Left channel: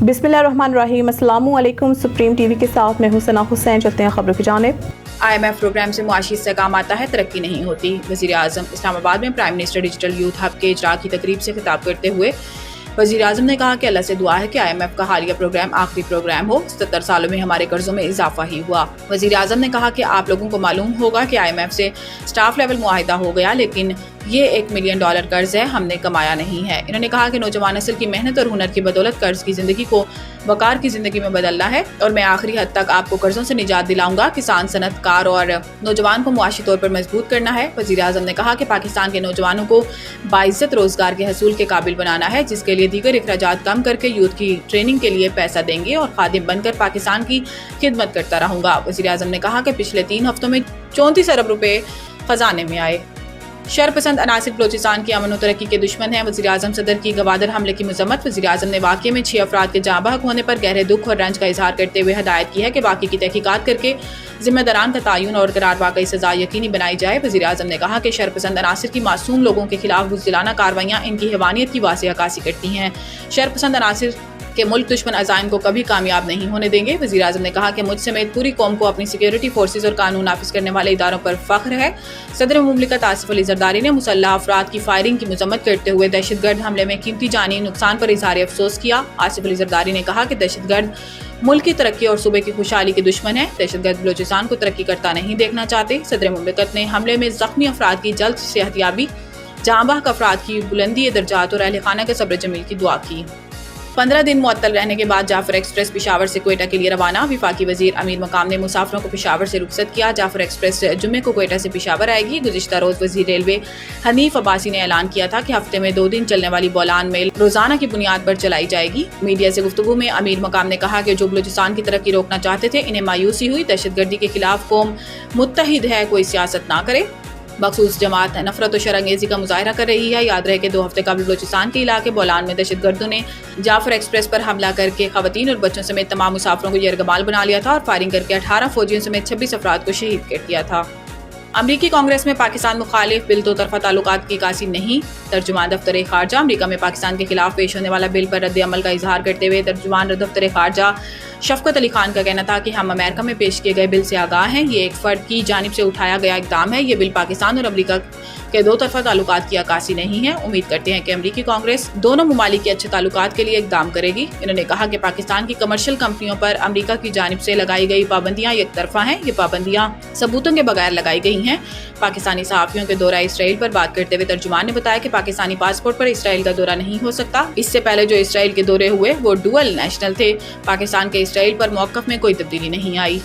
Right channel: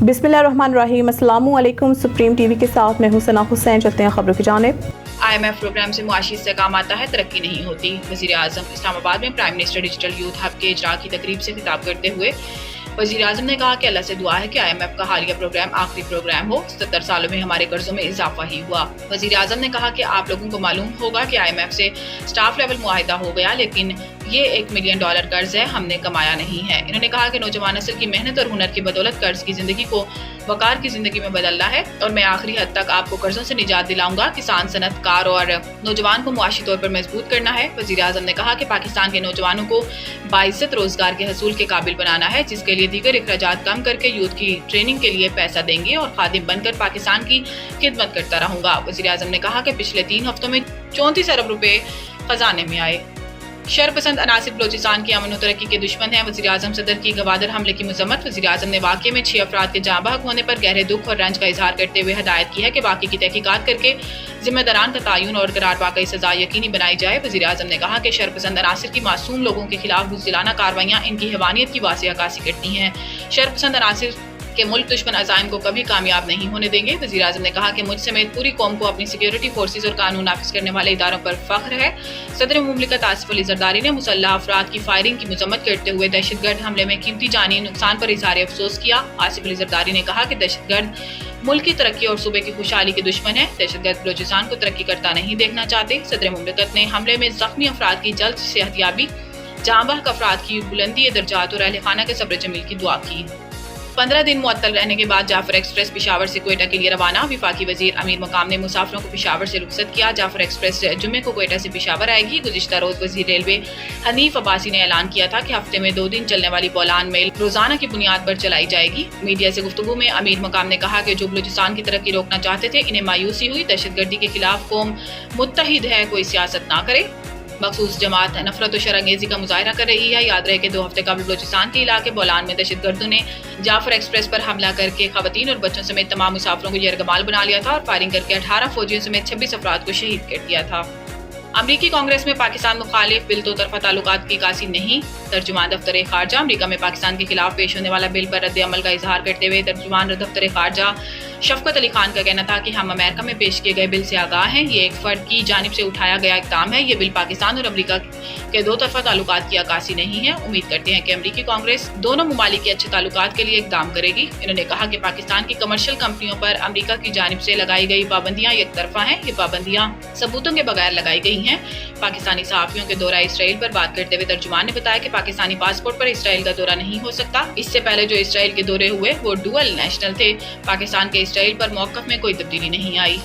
बिस्मिल्लाहिर्रहमानिर्रहीम। अस्सलामु अलैकुम। सुप्रीम टीवी के साथ मैं हूं सना हुसैन। चलते हैं खबरों की जानिब। IMF प्रोग्राम से मुआशी इस्तेहकाम आता है, तरक्की नहीं होती। वज़ीर आज़म इस्लामाबाद में prime minister digital youth hub के इजरा की तकरीब से खिताब करते हुए वज़ीर आज़म ने कहा कि अल्लाह से दुआ है कि IMF का हालिया प्रोग्राम आखिरी प्रोग्राम हो। 77 सालों में हमारे कर्जों में इजाफा ही हुआ। वज़ीर आज़म ने कहा कि आप लोगों को मालूम होगा कि IMF से स्टाफ लेवल मुआहिदा हो गया, लेकिन ये $1 मिलियन कर्ज है, हमने कमाया नहीं है। इन्होंने कहा कि नौजवान नस्ल की मेहनत और हुनर की बदौलत कर्ज की ज़िंदगी को वकार की ज़िंदगी में बदलना है और मैं आखिरी हद तक आपको कर्जों से निजात दिलाऊंगा। किसान, सनतकार और नौजवान को मुआशी तौर पर मजबूत करना है। वज़ीर आज़म ने कहा कि पाकिस्तान के नौजवानों को बाइज्जत रोजगार के हसूल के काबिल बनाना है, जिसके लिए दीगर अखराजात कम करके यूथ की ट्रेनिंग के लिए पैसा देंगे और खादिम बनकर पाकिस्तान की खिदमत करता रहूंगा। वज़ीर आज़म ने कहा कि पिछले 3 हफ्तों में 34 अरब रुपए खजाने में आए। शरपसंद अनासिर बलोचिस्तान की अमन और तरक्की के दुश्मन हैं। वज़ीर आज़म सदर की गवादर हमले की मजम्मत। वज़ीर आज़म ने वाक़ये में 6 अफराद के जाँ बहक होने पर गहरे दुख और रंज का इजहार करते हुए हदायत की है कि बाकी की तहकीकात करके जिम्मेदारान का तयन और करार वाकई सजा यकीनी बनाई जाए। वज़ीर आज़म ने कहा कि शरपसंद अनासिर की मासूम लोगों के खिलाफ बुज़दिलाना कार्रवाइयाँ इनकी हैवानियत की वाज़ेह अक्कासी करती हैं। शरपसंद अनासिर के मुल्क दुश्मन अज़ाइम को कभी कामयाब नहीं होने देंगे। वज़ीर आज़म ने कहा कि मुझ समेत पूरी कौम को अपनी सिक्योरिटी फोर्सेज और कानून नाफिज करने वाले इदारों पर फख्र है। सदर मुमलिकत आसिफ अली ज़रदारी ने मुसल्लह अफराद की फायरिंग की मजम्मत करते हुए दहशतगर्द हमले में कीमती जानी नुकसान पर इजहार अफसोस किया। आसिफ अली ज़रदारी ने कहा कि दहशतगर्द मुल्क की तरक्की और सूबे की खुशहाली के दुश्मन है। दहशतगर्द बलोचिस्तान को तरक्की करता नहीं देखना चाहते। सदर मुमलिकत ने हमले में जख्मी अफराद की जल्द सेहतयाबी, जाँ बहक अफराद की बुलंदी दर्जात और अहल खाना के सब्र जमील की दुआ की। 15 दिन मुअत्तल रहने के बाद जाफर एक्सप्रेस पेशावर से क्वेटा के लिए रवाना। वफाकी वजीर अमीर मकाम ने मुसाफिरों को पेशावर से रुखसत किया। जाफर एक्सप्रेस जुम्मे को क्वेटा से पेशावर आएगी। गुज़िश्ता रोज वजीर रेलवे हनीफ अब्बासी ने ऐलान किया था कि हफ्ते में 2 दिन चलने वाली बोलान मेल रोजाना की बुनियाद पर चलाई जाएगी। मीडिया से गुफ्तगू में अमीर मकाम ने कहा कि जो बलूचिस्तान की तरक्की रोकना चाहते थे, इन्हें मायूसी हुई। दहशतगर्दी के खिलाफ कौम मुत्तहिद है, कोई सियासत ना करे। मखसूस जमात नफरत और शरंगेजी का मुजाहरा कर रही है। याद रहे कि 2 हफ्ते कबल बलूचिस्तान के इलाके बोलान में दहशतगर्दों ने जाफर एक्सप्रेस पर हमला करके खवातीन और बच्चों समेत तमाम मुसाफिरों को यरगमाल बना लिया था और फायरिंग करके 18 फौजियों समेत 26 अफराद को शहीद कर दिया था। अमरीकी कांग्रेस में पाकिस्तान मुखालिफ बिल 2 तरफा ताल्लुकात की कासी नहीं। तर्जुमान दफ्तर खारजा अमरीका में पाकिस्तान के खिलाफ पेश होने वाला बिल पर रद्द अमल का इजहार करते हुए तर्जुमान दफ्तर खारजा शफकत अली खान का कहना था कि हम अमेरिका में पेश किए गए बिल से आगाह हैं। ये एक फर्द की जानिब से उठाया गया इक़दाम है। ये बिल पाकिस्तान और अमरीका के 2 तरफा ताल्लुकात की अक्कासी नहीं है। उम्मीद करते हैं कि अमरीकी कांग्रेस दोनों ममालिक के अच्छे ताल्लुकात के लिए इक़दाम करेगी। इन्होंने कहा कि पाकिस्तान की कमर्शियल कंपनियों पर अमरीका की जानिब से लगाई गई पाबंदियां एक तरफा हैं। ये पाबंदियां सबूतों के बगैर लगाई गई हैं। पाकिस्तानी सहाफ़ियों के दौरा इसराइल पर बात करते हुए तर्जुमान ने बताया कि पाकिस्तानी पासपोर्ट पर इसराइल का दौरा नहीं हो सकता। इससे पहले जो इसराइल के दौरे हुए वो डुअल नेशनल थे। पाकिस्तान के इसराइल पर मौक़िफ़ में कोई तब्दीली नहीं आई।